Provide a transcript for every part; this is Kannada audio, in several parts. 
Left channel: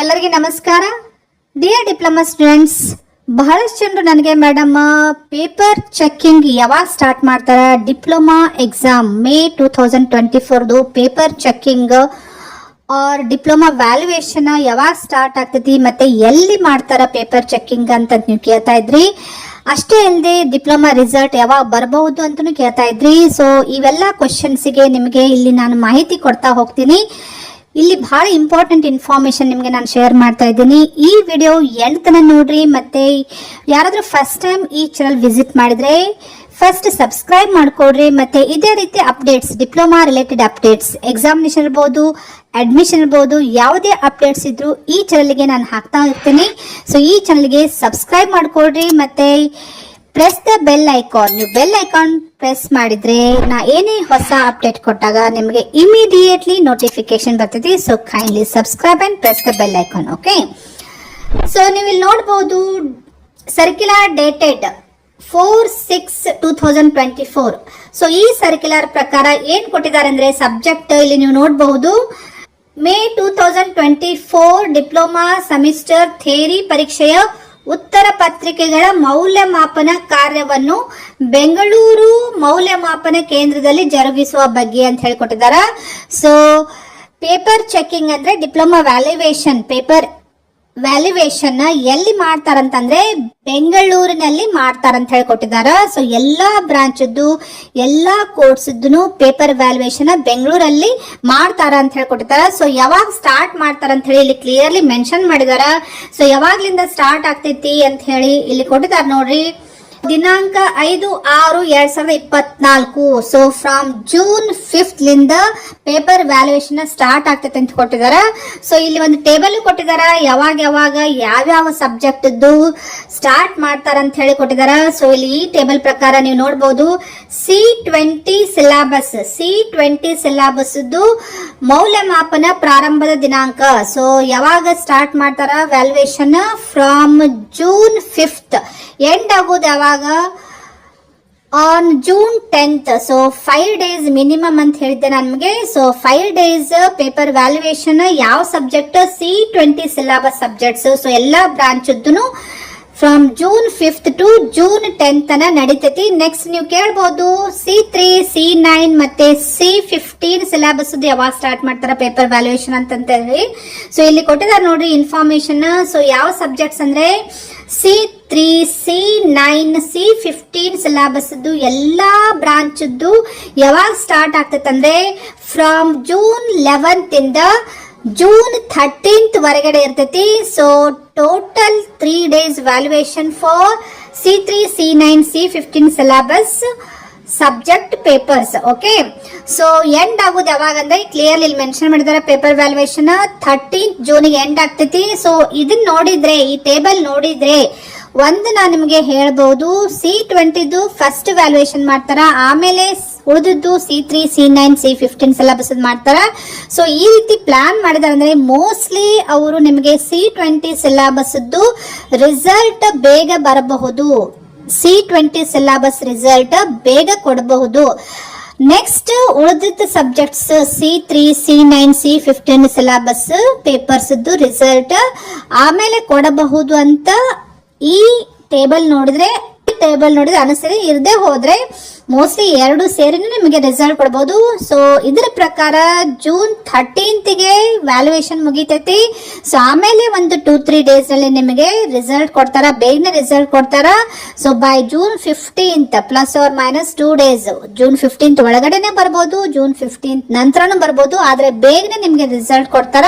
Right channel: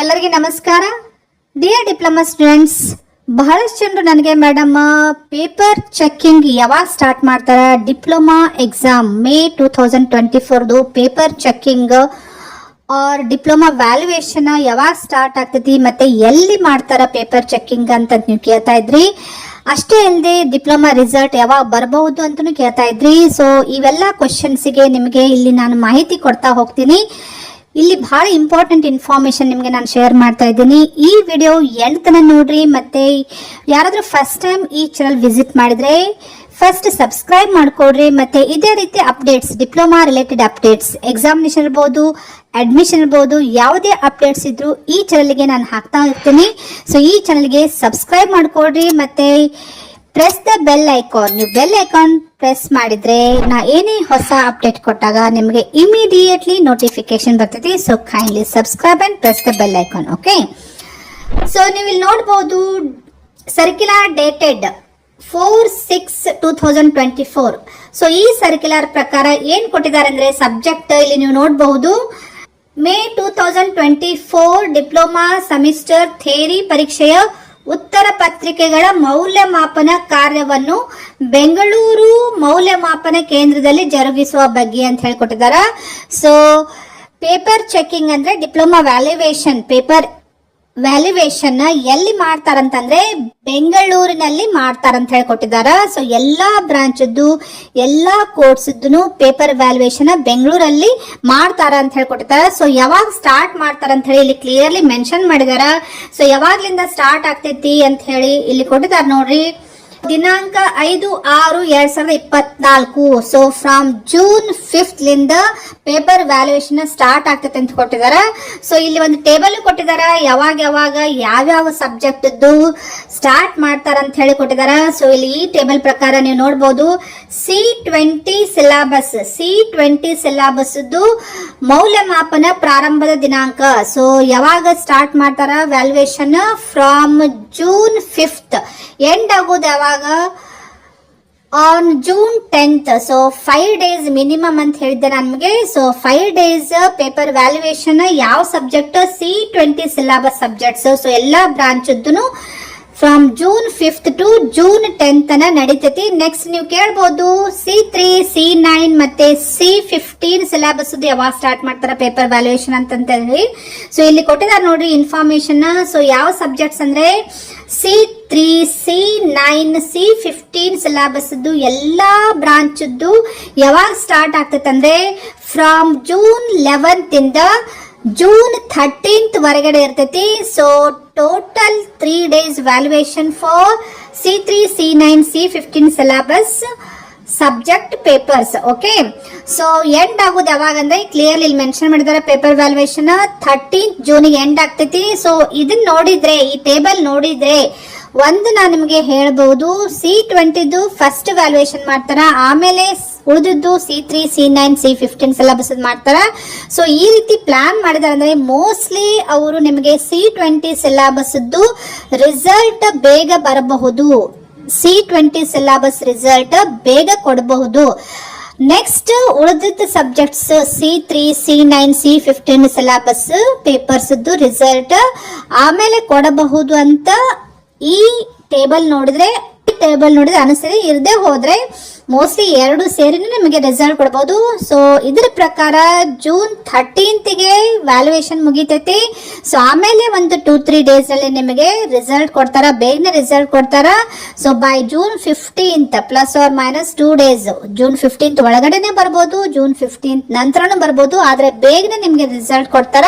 ಎಲ್ಲರಿಗೂ ನಮಸ್ಕಾರ. ಡಿಯರ್ ಡಿಪ್ಲೊಮಾ ಸ್ಟೂಡೆಂಟ್ಸ್, ಬಹಳಷ್ಟು ಜನರು ನನಗೆ ಮೇಡಮ್ ಪೇಪರ್ ಚೆಕಿಂಗ್ ಯಾವಾಗ ಸ್ಟಾರ್ಟ್ ಮಾಡ್ತಾರ, diploma exam May 2024 paper checking R diploma valuation ಯಾವಾಗ ಸ್ಟಾರ್ಟ್ ಆಗ್ತೈತಿ ಮತ್ತೆ ಎಲ್ಲಿ ಮಾಡ್ತಾರ ಪೇಪರ್ ಚೆಕಿಂಗ್ ಅಂತ ನೀವು ಕೇಳ್ತಾ ಇದ್ರಿ. ಅಷ್ಟೇ ಅಲ್ಲದೆ ಡಿಪ್ಲೊಮಾ ರಿಸಲ್ಟ್ ಯಾವಾಗ ಬರಬಹುದು ಅಂತಲೂ ಕೇಳ್ತಾ ಇದ್ರಿ. ಸೊ ಇವೆಲ್ಲ ಕ್ವಶನ್ಸ್ಗೆ ನಿಮಗೆ ಇಲ್ಲಿ ನಾನು ಮಾಹಿತಿ ಕೊಡ್ತಾ ಹೋಗ್ತೀನಿ. ಇಲ್ಲಿ ಬಹಳ ಇಂಪಾರ್ಟೆಂಟ್ ಇನ್ಫಾರ್ಮೇಶನ್ ನಿಮಗೆ ನಾನು ಶೇರ್ ಮಾಡ್ತಾ ಇದ್ದೀನಿ. ಈ ವಿಡಿಯೋ ಎಂಡ್ ತನಕ ನೋಡ್ರಿ. ಮತ್ತೆ ಯಾರಾದ್ರೂ ಫಸ್ಟ್ ಟೈಮ್ ಈ ಚಾನಲ್ ವಿಸಿಟ್ ಮಾಡಿದ್ರೆ ಫಸ್ಟ್ ಸಬ್ಸ್ಕ್ರೈಬ್ ಮಾಡ್ಕೊಡ್ರಿ. ಮತ್ತೆ ಇದೇ ರೀತಿ updates, diploma related updates, examination ಇರ್ಬೋದು, ಅಡ್ಮಿಷನ್ ಇರ್ಬೋದು, ಯಾವುದೇ ಅಪ್ಡೇಟ್ಸ್ ಇದ್ರು ಈ ಚಾನಲ್ಗೆ ನಾನು ಹಾಕ್ತಾ ಇರ್ತೀನಿ. ಸೊ ಈ ಚಾನಲ್ಗೆ ಸಬ್ಸ್ಕ್ರೈಬ್ ಮಾಡ್ಕೊಡ್ರಿ. ಮತ್ತೆ ಪ್ರೆಸ್ ದ ಬೆಲ್ ಐಕಾನ್. ನೀವು ಬೆಲ್ ಐಕಾನ್ ಪ್ರೆಸ್ ಮಾಡಿದ್ರೆ ನಾ ಏನೇ ಹೊಸ ಅಪ್ಡೇಟ್ ಕೊಟ್ಟಾಗ ನಿಮಗೆ ಇಮಿಡಿಯೇಟ್ಲಿ ನೋಟಿಫಿಕೇಶನ್ ಬರ್ತದೆ. So kindly subscribe and press the bell icon. Okay, so ನೀವು ಇಲ್ಲಿ ನೋಡಬಹುದು ಸರ್ಕ್ಯುಲರ್ ಡೇಟೆಡ್ 4/6/2024. ಸೊ ಈ ಸರ್ಕ್ಯುಲರ್ ಪ್ರಕಾರ ಏನ್ ಕೊಟ್ಟಿದ್ದಾರೆ ಅಂದ್ರೆ ಸಬ್ಜೆಕ್ಟ್ ಇಲ್ಲಿ ನೀವು ನೋಡಬಹುದು ಮೇ 2024 ಡಿಪ್ಲೊಮಾ ಸೆಮಿಸ್ಟರ್ ಥಿಯರಿ ಪರೀಕ್ಷೆಯ ಉತ್ತರ ಪತ್ರಿಕೆಗಳ ಮೌಲ್ಯಮಾಪನ ಕಾರ್ಯವನ್ನು ಬೆಂಗಳೂರು ಮೌಲ್ಯಮಾಪನ ಕೇಂದ್ರದಲ್ಲಿ ಜರುಗಿಸುವ ಬಗ್ಗೆ ಅಂತ ಹೇಳಿಕೊಟ್ಟಿದ್ದಾರೆ. ಸೊ ಪೇಪರ್ ಚೆಕಿಂಗ್ ಅಂದ್ರೆ ಡಿಪ್ಲೊಮಾ ವ್ಯಾಲ್ಯೂಯೇಷನ್, ಪೇಪರ್ ವ್ಯಾಲ್ಯೂಯೇಷನ್ ಎಲ್ಲಿ ಮಾಡ್ತಾರಂತಂದ್ರೆ ಬೆಂಗಳೂರಿನಲ್ಲಿ ಮಾಡ್ತಾರಂತ ಹೇಳ್ಕೊಟ್ಟಿದ್ದಾರೆ. ಸೊ ಎಲ್ಲಾ ಬ್ರಾಂಚದ್ದು ಎಲ್ಲಾ ಕೋರ್ಸ್ದು ಪೇಪರ್ ವ್ಯಾಲ್ಯೂಯೇಷನ್ ಬೆಂಗಳೂರಲ್ಲಿ ಮಾಡ್ತಾರ ಅಂತ ಹೇಳ್ಕೊಟ್ಟಿದ್ದಾರೆ. ಸೊ ಯಾವಾಗ ಸ್ಟಾರ್ಟ್ ಮಾಡ್ತಾರಂತ ಹೇಳಿ ಇಲ್ಲಿ ಕ್ಲಿಯರ್ಲಿ ಮೆನ್ಷನ್ ಮಾಡಿದಾರ. ಸೊ ಯಾವಾಗ್ಲಿಂದ ಸ್ಟಾರ್ಟ್ ಆಗ್ತೈತಿ ಅಂತ ಹೇಳಿ ಇಲ್ಲಿ ಕೊಟ್ಟಿದ್ದಾರೆ ನೋಡ್ರಿ. ದಿನಾಂಕ 5/6/2024. ಸೊ ಫ್ರಮ್ ಜೂನ್ 5th ಲಿಂದ ಪೇಪರ್ ವ್ಯಾಲ್ಯೂಯೇಷನ್ ಸ್ಟಾರ್ಟ್ ಆಗ್ತೈತೆ ಅಂತ ಕೊಟ್ಟಿದಾರ. ಸೊ ಇಲ್ಲಿ ಒಂದು ಟೇಬಲ್ ಕೊಟ್ಟಿದಾರ, ಯಾವಾಗ ಯಾವ್ಯಾವ ಸಬ್ಜೆಕ್ಟ್ ಸ್ಟಾರ್ಟ್ ಮಾಡ್ತಾರ ಅಂತ ಹೇಳಿ ಕೊಟ್ಟಿದಾರ. ಸೊ ಇಲ್ಲಿ ಈ ಟೇಬಲ್ ಪ್ರಕಾರ ನೀವು ನೋಡಬಹುದು C20 ಸಿಲೆಬಸ್ ಮೌಲ್ಯಮಾಪನ ಪ್ರಾರಂಭದ ದಿನಾಂಕ. ಸೊ ಯಾವಾಗ ಸ್ಟಾರ್ಟ್ ಮಾಡ್ತಾರ valuation from June 5th, end ಆಗೋದು ಯಾವಾಗ on June 10th. So 5 days minimum ಅಂತ ಹೇಳಿದ್ದೆ ನಮಗೆ. ಸೊ 5 days ಪೇಪರ್ ವ್ಯಾಲ್ಯೂಯೇಷನ್ ಯಾವ subject C20 syllabus subjects. So ಎಲ್ಲಾ branch from June 5th to June 10th ನಡೀತೈತಿ. ನೆಕ್ಸ್ಟ್ ನೀವು ಕೇಳಬಹುದು C3, C9 ಮತ್ತೆ C15 ಸಿಲೆಬಸ್ ಯಾವಾಗ ಸ್ಟಾರ್ಟ್ ಮಾಡ್ತಾರ ಪೇಪರ್ ವ್ಯಾಲ್ಯೂಯೇಷನ್ ಅಂತ ಹೇಳಿ. ಸೊ ಇಲ್ಲಿ ಕೊಟ್ಟಿದ್ದಾರೆ ನೋಡ್ರಿ ಇನ್ಫಾರ್ಮೇಶನ್. ಸೊ ಯಾವ ಸಬ್ಜೆಕ್ಟ್ಸ್ ಅಂದ್ರೆ C3, C9, C15 ಸಿಲೆಬಸ್ ಎಲ್ಲಾ ಬ್ರಾಂಚ್ ಯಾವಾಗ ಸ್ಟಾರ್ಟ್ ಆಗ್ತೈತೆ ಅಂದ್ರೆ ಫ್ರಮ್ ಜೂನ್ 11th ಇಂದ ಜೂನ್ 13th ವರೆಗಡೆ ಇರ್ತೈತಿ. So total 3 days valuation for C3, C9, C15 syllabus subject papers. Okay, so end ಆಗೋದು ಯಾವಾಗ ಅಂದ್ರೆ ಕ್ಲಿಯರ್ಲಿ ಇಲ್ಲಿ ಮೆನ್ಷನ್ ಮಾಡಿದಾರೆ ಪೇಪರ್ ವ್ಯಾಲ್ಯೂಯೇಷನ್ 13th ಜೂನ್ಗೆ ಎಂಡ್ ಆಗ್ತೈತಿ. ಸೊ ಇದನ್ನ ನೋಡಿದ್ರೆ, ಈ ಟೇಬಲ್ ನೋಡಿದ್ರೆ ಒಂದು ನಾನು ನಿಮಗೆ ಹೇಳ್ಬಹುದು C20 ಫಸ್ಟ್ ವ್ಯಾಲ್ಯೂಯೇಷನ್ ಮಾಡ್ತಾರ, ಆಮೇಲೆ ಉಳಿದಿದ್ದು C3, C9, C15 ಸಿಲೆಬಸ್ ಮಾಡ್ತಾರ. ಸೊ ಈ ರೀತಿ ಪ್ಲಾನ್ ಮಾಡಿದಾರೆ ಅಂದ್ರೆ ಮೋಸ್ಟ್ಲಿ ಅವರು ನಿಮಗೆ C20 ಸಿಲೆಬಸ್ ರಿಸಲ್ಟ್ ಬೇಗ ಬರಬಹುದು. C20 ಸಿಲೆಬಸ್ ರಿಸಲ್ಟ್ ಬೇಗ ಕೊಡಬಹುದು. ನೆಕ್ಸ್ಟ್ ಉಳಿದಿದ್ದ subjects C3, C9, C15 syllabus papers result ಆಮೇಲೆ ಕೊಡಬಹುದು ಅಂತ ಈ ಟೇಬಲ್ ನೋಡಿದ್ರೆ ಅನಿಸ್ತದೆ. ಇರದೇ ಹೋದ್ರೆ ಮೋಸ್ಟ್ಲಿ 2 ಸೇರಿನೇ ನಮಗೆ ರಿಸಲ್ಟ್ ಕೊಡಬಹುದು. ಸೊ ಇದರ ಪ್ರಕಾರ ಜೂನ್ 13th ವ್ಯಾಲ್ಯೂಯೇಷನ್ ಮುಗಿತೈತಿ. ಸೊ ಆಮೇಲೆ ಒಂದು 2-3 days ಅಲ್ಲಿ ನಿಮಗೆ ರಿಸಲ್ಟ್ ಕೊಡ್ತಾರ, ಬೇಗನೆ ರಿಸಲ್ಟ್ ಕೊಡ್ತಾರ. So by June 15th plus or minus 2 days, June 15th ಒಳಗಡೆನೆ ಬರ್ಬೋದು, ಜೂನ್ 15th ನಂತರನೂ ಬರ್ಬೋದು, ಆದ್ರೆ ಬೇಗನೆ ನಿಮ್ಗೆ ರಿಸಲ್ಟ್ ಕೊಡ್ತಾರ.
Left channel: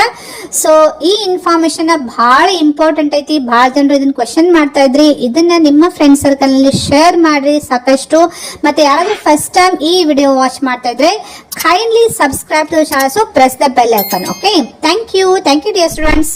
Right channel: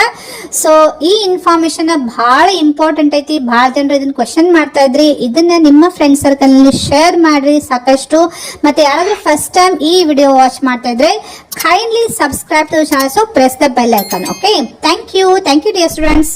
ಸೊ ಈ ಇನ್ಫಾರ್ಮೇಶನ್ ಬಹಳ ಇಂಪಾರ್ಟೆಂಟ್ ಐತಿ. ಬಹಳ ಜನರು ಇದನ್ನ ಕ್ವೆಶನ್ ಮಾಡ್ತಾ ಇದ್ರಿ. ಇದನ್ನ ನಿಮ್ಮ ಫ್ರೆಂಡ್ ಸರ್ಕಲ್ ನಲ್ಲಿ ಶೇರ್ ಮಾಡ್ರಿ ಸಾಕಷ್ಟು. ಮತ್ತೆ ಯಾರಾದ್ರೂ ಫಸ್ಟ್ ಟೈಮ್ ಈ ವಿಡಿಯೋ ವಾಚ್ ಮಾಡ್ತಾ ಇದ್ರೆ kindly subscribe to the channel. So press the bell icon. Okay, thank you dear students.